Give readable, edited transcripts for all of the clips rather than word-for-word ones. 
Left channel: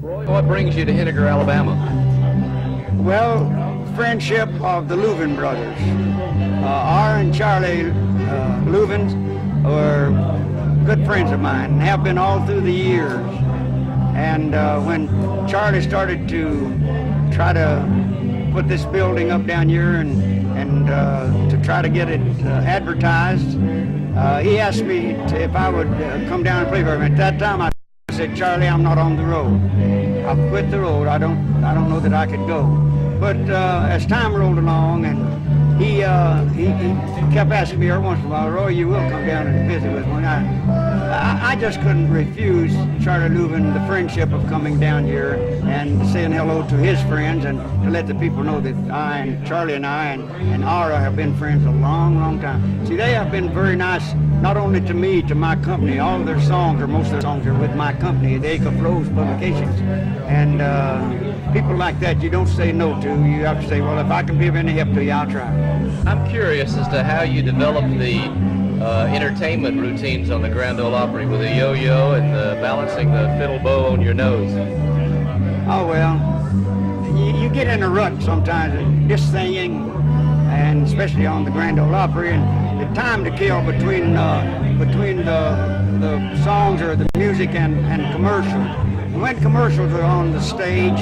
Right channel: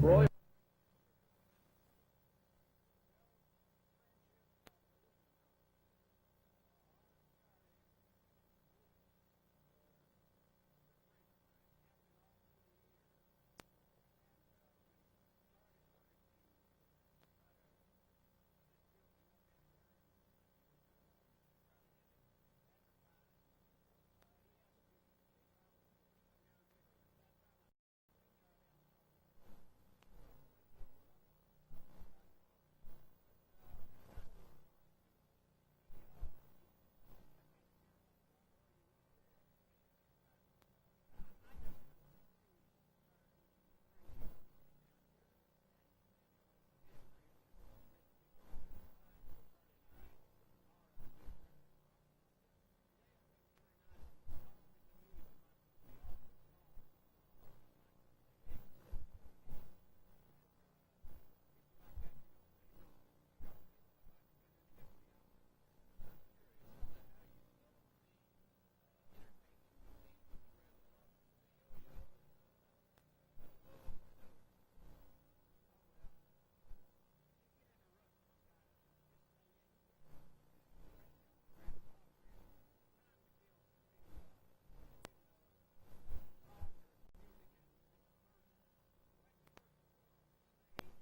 Roy, what brings you to Henniker, Alabama? Well, friendship of the Leuven brothers. R and Charlie Leuven were good friends of mine and have been all through the years. And when Charlie started to try to put this building up down here and to try to get it advertised, he asked me if I would come down and play for him. At that time, I said, Charlie, I'm not on the road. I've quit the road. I don't know that I could go. But as time rolled along, and he kept asking me every once in a while, Roy, you will come down and visit with me. I just couldn't refuse Charlie Leuven the friendship of coming down here and saying hello to his friends and to let the people know that I and Charlie and I and Ara have been friends a long, long time. See, they have been very nice, not only to me, to my company. All of their songs, or most of their songs, are with my company, the Acuff Publications. And people like that you don't say no to. You have to say, well, if I can be of any help to you, I'll try. I'm curious as to how you developed the entertainment routines on the Grand Ole Opry with the yo-yo and balancing the fiddle bow on your nose. Oh, well, you get in a rut sometimes just singing, and especially on the Grand Ole Opry, and the time to kill between the songs or the music and commercials. When commercials are on the stage,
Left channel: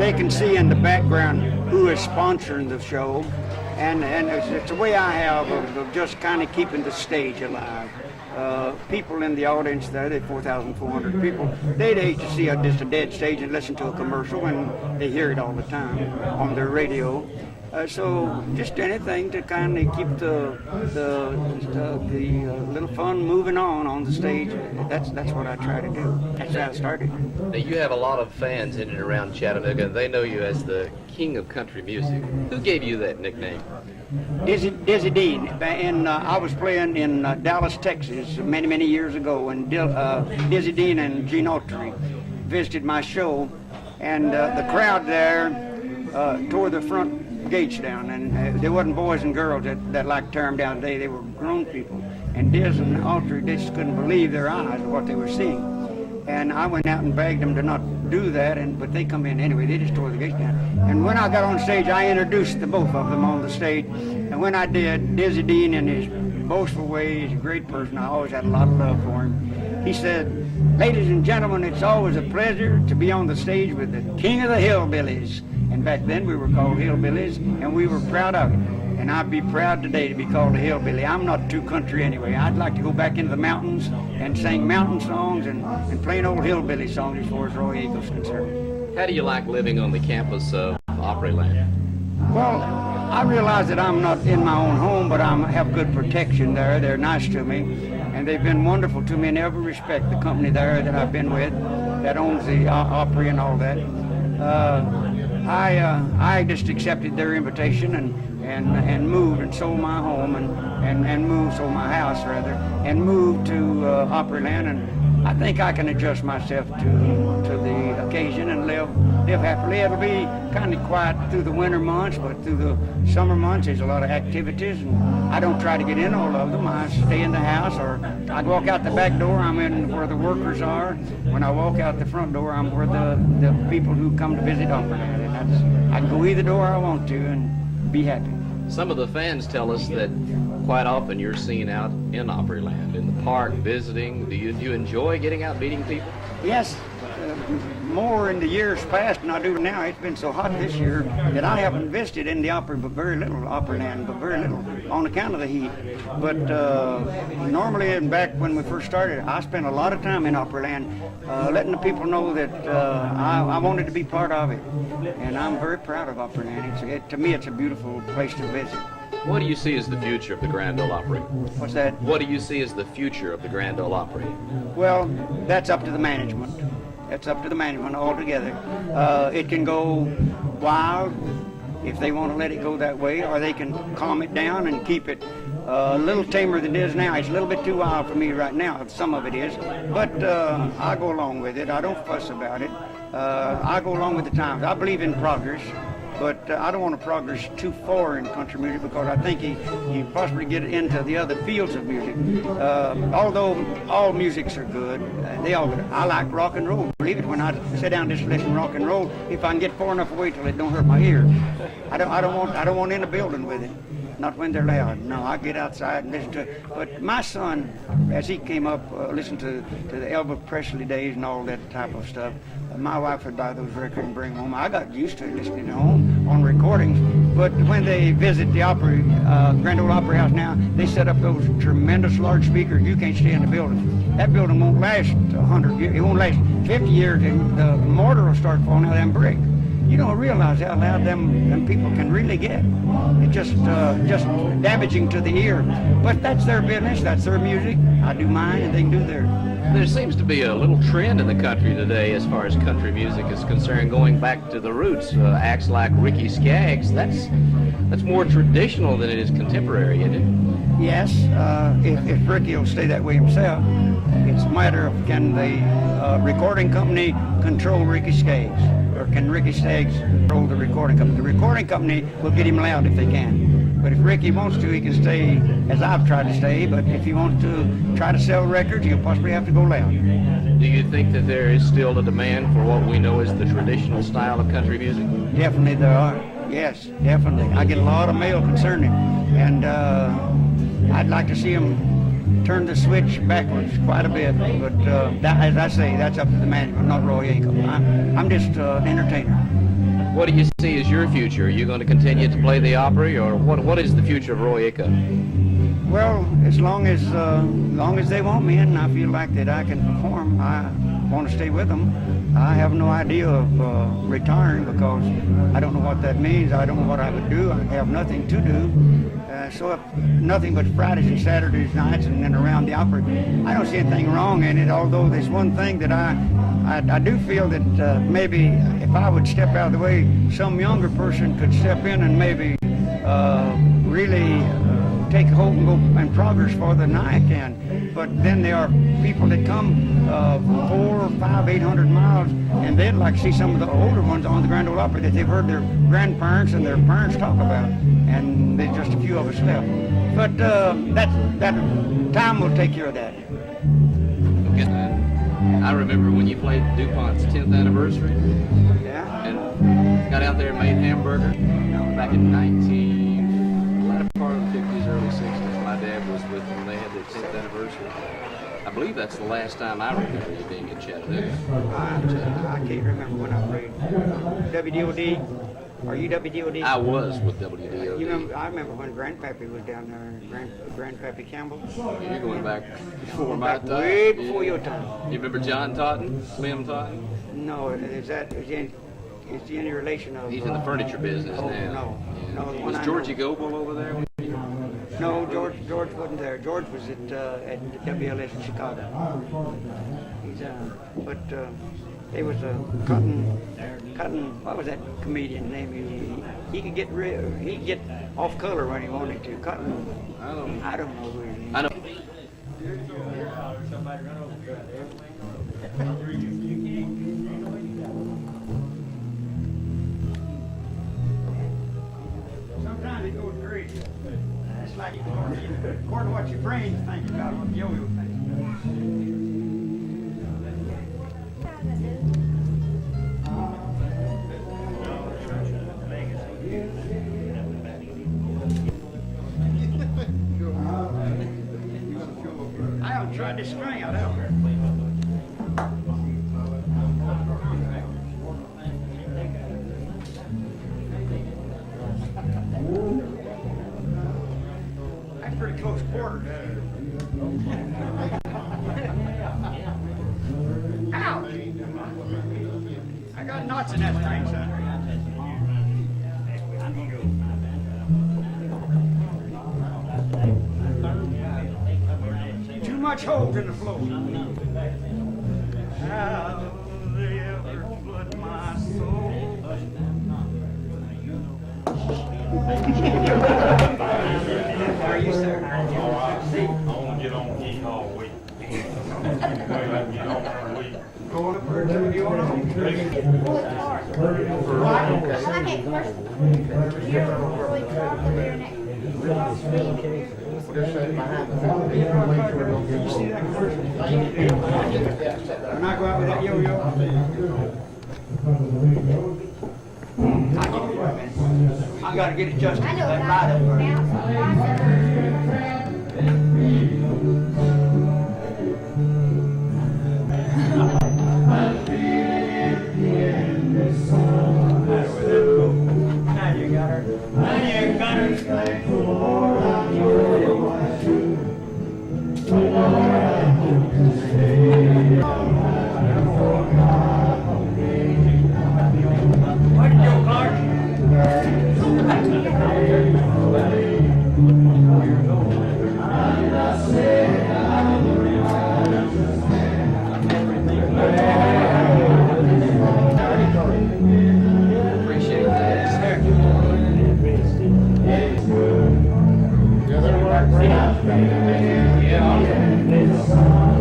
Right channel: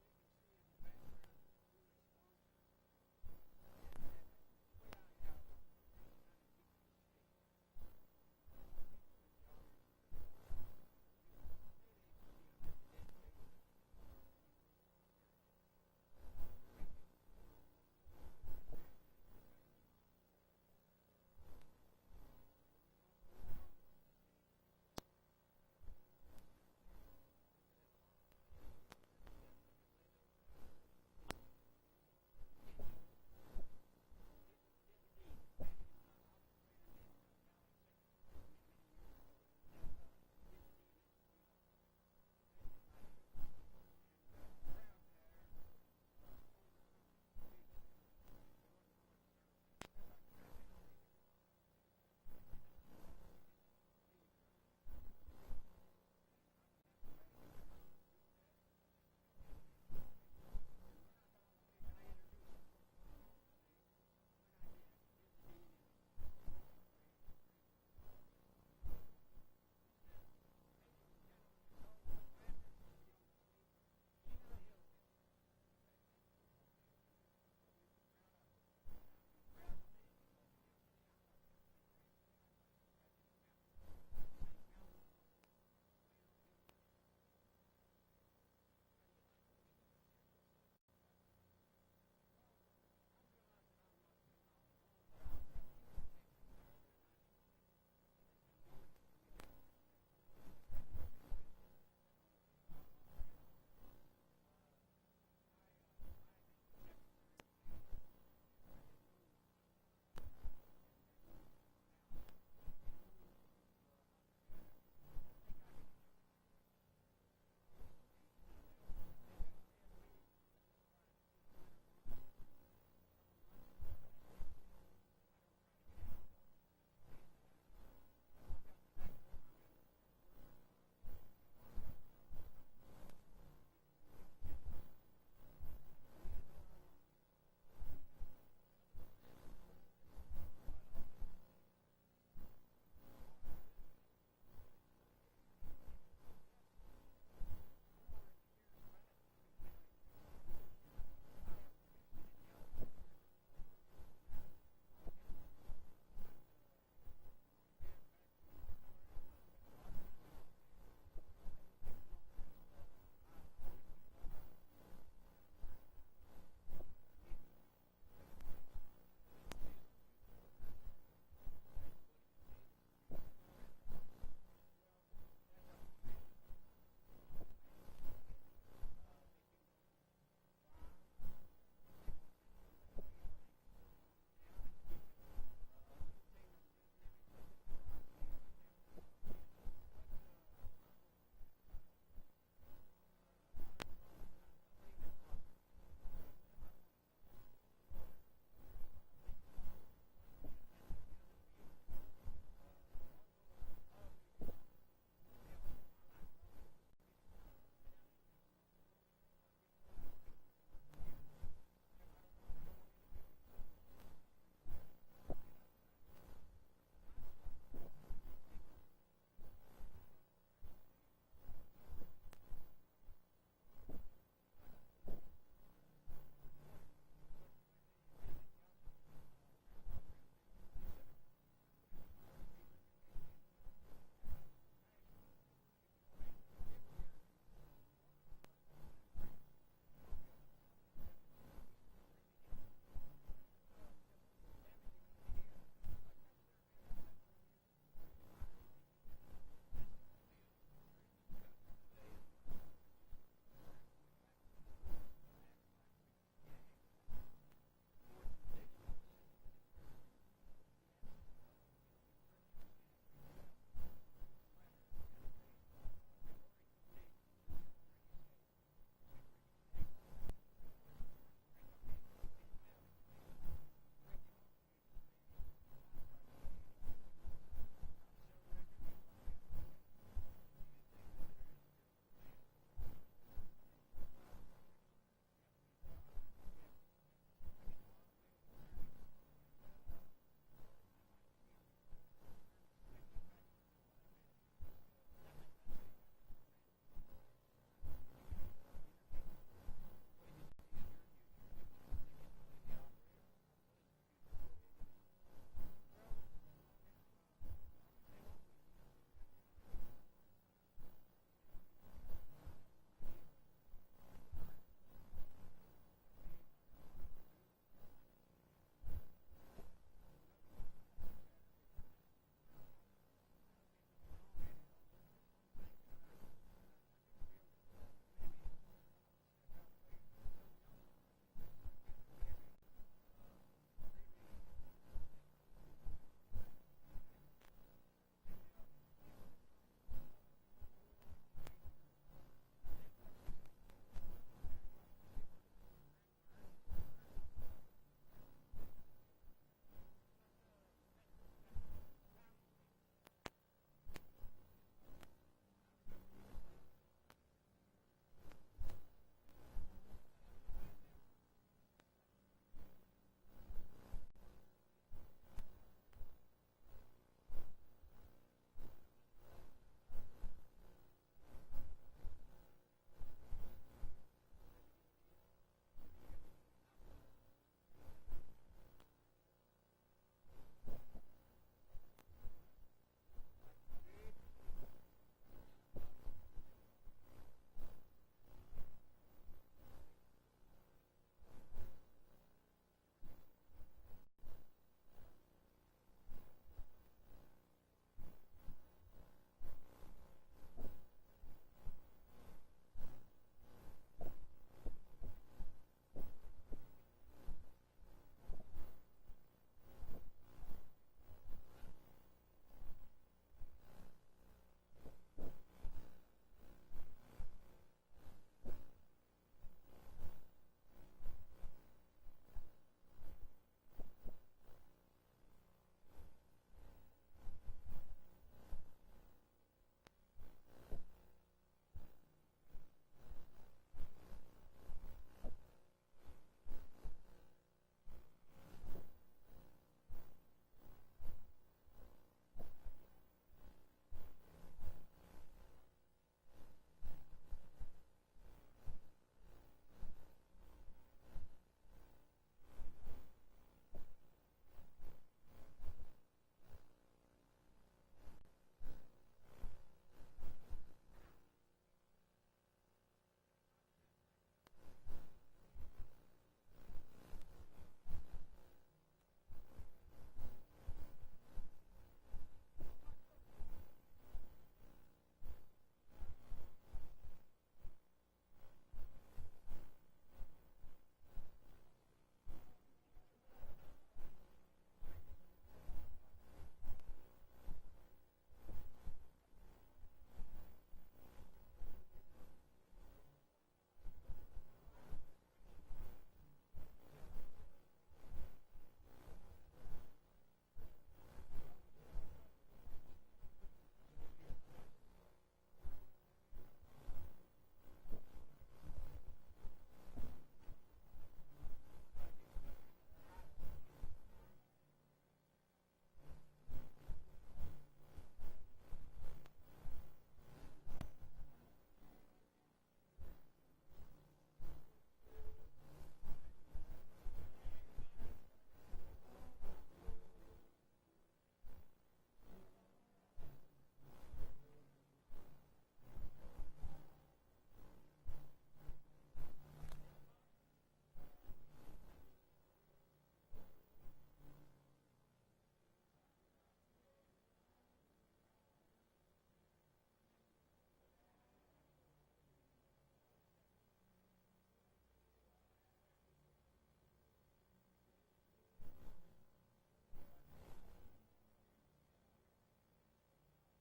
they can see in the background who is sponsoring the show, and it's a way I have of just kind of keeping the stage alive. People in the audience there, they're 4,400 people, they'd hate to see just a dead stage and listen to a commercial, and they hear it all the time on their radio. So just anything to kind of keep the little fun moving on the stage. That's what I try to do. That's how I started. Now, you have a lot of fans in and around Chattanooga, and they know you as the king of country music. Who gave you that nickname? Dizzy Dean. I was playing in Dallas, Texas many years ago, and Dizzy Dean and Gene Autry visited my show, and the crowd there tore the front gates down, and there wasn't boys and girls that like to tear them down today. They were grown people, and Diz and Autry, they just couldn't believe their eyes of what they were seeing. And I went out and begged them to not do that, but they come in anyway. They just tore the gates down. And when I got on stage, I introduced the both of them on the stage. And when I did, Dizzy Dean, in his boastful way, he's a great person. I always had a lot of love for him. He said, "Ladies and gentlemen, it's always a pleasure to be on the stage with the king of the hillbillies." And back then we were called hillbillies, and we were proud of it. And I'd be proud today to be called a hillbilly. I'm not too country anyway. I'd like to go back into the mountains and sing mountain songs and plain old hillbilly songs as far as Roy Eagle's concerned. How do you like living on the campus of Opryland? Well, I realize that I'm not in my own home, but I have good protection there. They're nice to me, and they've been wonderful to me in every respect. The company there that I've been with, that owns the Opry and all that, I just accepted their invitation and moved and sold my home and sold my house rather, and moved to Opryland, and I think I can adjust myself to the occasion and live happily. It'll be kind of quiet through the winter months, but through the summer months there's a lot of activities, and I don't try to get in all of them. I stay in the house, or I walk out the back door, I'm in where the workers are. When I walk out the front door, I'm where the people who come to visit Opryland, and I can go either door I want to and be happy. Some of the fans tell us that quite often you're seen out in Opryland, in the park, visiting. Do you enjoy getting out meeting people? Yes, more in the years past than I do now. It's been so hot this year that I haven't visited in the Opryland, but very little, on account of the heat. But normally, and back when we first started, I spent a lot of time in Opryland, letting the people know that I wanted to be part of it. And I'm very proud of Opryland. To me, it's a beautiful place to visit. What do you see as the future of the Grand Ole Opry? What's that? What do you see as the future of the Grand Ole Opry? Well, that's up to the management. That's up to the management altogether. It can go wild if they want to let it go that way, or they can calm it down and keep it a little tamer than it is now. It's a little bit too wild for me right now, some of it is, but I go along with it. I don't fuss about it. I go along with the times. I believe in progress, but I don't want to progress too far in country music because I think you possibly get into the other fields of music. Although all musics are good, I like rock and roll. Believe it, when I sit down and just listen to rock and roll, if I can get far enough away till it don't hurt my ears, I don't want in a building with it. Not when they're loud. No, I get outside and listen to it. But my son, as he came up, listened to the Elvis Presley days and all that type of stuff. My wife would buy those records and bring them home. I got used to listening at home on recordings. But when they visit the Opry, Grand Ole Opry House now, they set up those tremendous large speakers. You can't stay in the building. That building won't last 100 years. It won't last 50 years, and the mortar will start falling out of them bricks. You don't realize how loud them people can really get. It's just damaging to the ear. But that's their business. That's their music. I do mine, and they can do theirs. There seems to be a little trend in the country today as far as country music is concerned, going back to the roots. Acts like Ricky Skaggs, that's more traditional than it is contemporary, isn't it? Yes, if Ricky will stay that way himself. It's a matter of can the recording company control Ricky Skaggs, or can Ricky Skaggs control the recording company? The recording company will get him loud if they can. But if Ricky wants to, he can stay as I've tried to stay. But if he wants to try to sell records, he'll possibly have to go loud. Do you think that there is still a demand for what we know as the traditional style of country music? Definitely there are. Yes, definitely. I get a lot of mail concerning it. And I'd like to see him turn the switch backwards quite a bit. But as I say, that's up to the management, not Roy Acuff. I'm just an entertainer. What do you see as your future? Are you going to continue to play the Opry, or what is the future of Roy Acuff? Well, as long as they want me and I feel like that I can perform, I want to stay with them. I have no idea of retiring because I don't know what that means. I don't know what I would do. I have nothing to do. So if nothing but Fridays and Saturdays nights and then around the Opry, I don't see anything wrong in it, although there's one thing that I do feel that maybe if I would step out of the way, some younger person could step in and maybe really take hold and go and progress farther than I can. But then there are people that come 400, 500, 800 miles, and they'd like to see some of the older ones on the Grand Ole Opry that they've heard their grandparents and their parents talk about. And there's just a few of us left. But that time will take care of that. Okay. I remember when you played DuPont's 10th anniversary. Yeah. And got out there and made hamburger back in latter part of the 50s, early 60s. My dad was with them. They had their 10th anniversary. I believe that's the last time I remember you being in Chattanooga. I can't remember when I played. WDOD. Are you WDOD? I was with WDOD. I remember when Grandpappy was down there, Grandpappy Campbell. You're going back before my time. Way before your time. You remember John Totten, Slim Totten? No, is he any relation of? He's in the furniture business now. No. Yeah. No, was Georgie Goebel over there? No, George wasn't there. George was at WLS in Chicago. There was a Cotton. What was that comedian name? He could get off color when he wanted to. Cotton. I don't know who his name is. I know. Sometimes it goes crazy. It's like according to what your brain's thinking about what yo-yo thinks. I haven't tried this string out ever. That's pretty close quarters. Ow! I got knots in that string, son. Too much holes in the floor. How they ever flood my soul. Are you, sir? I want to get on geek all week. Get on for 2 you want to? When I go out with that yo-yo, I gotta get adjusted to that ride up there. Now you got her. Now you got her. Where'd you go, Clark? Appreciate that. Yeah.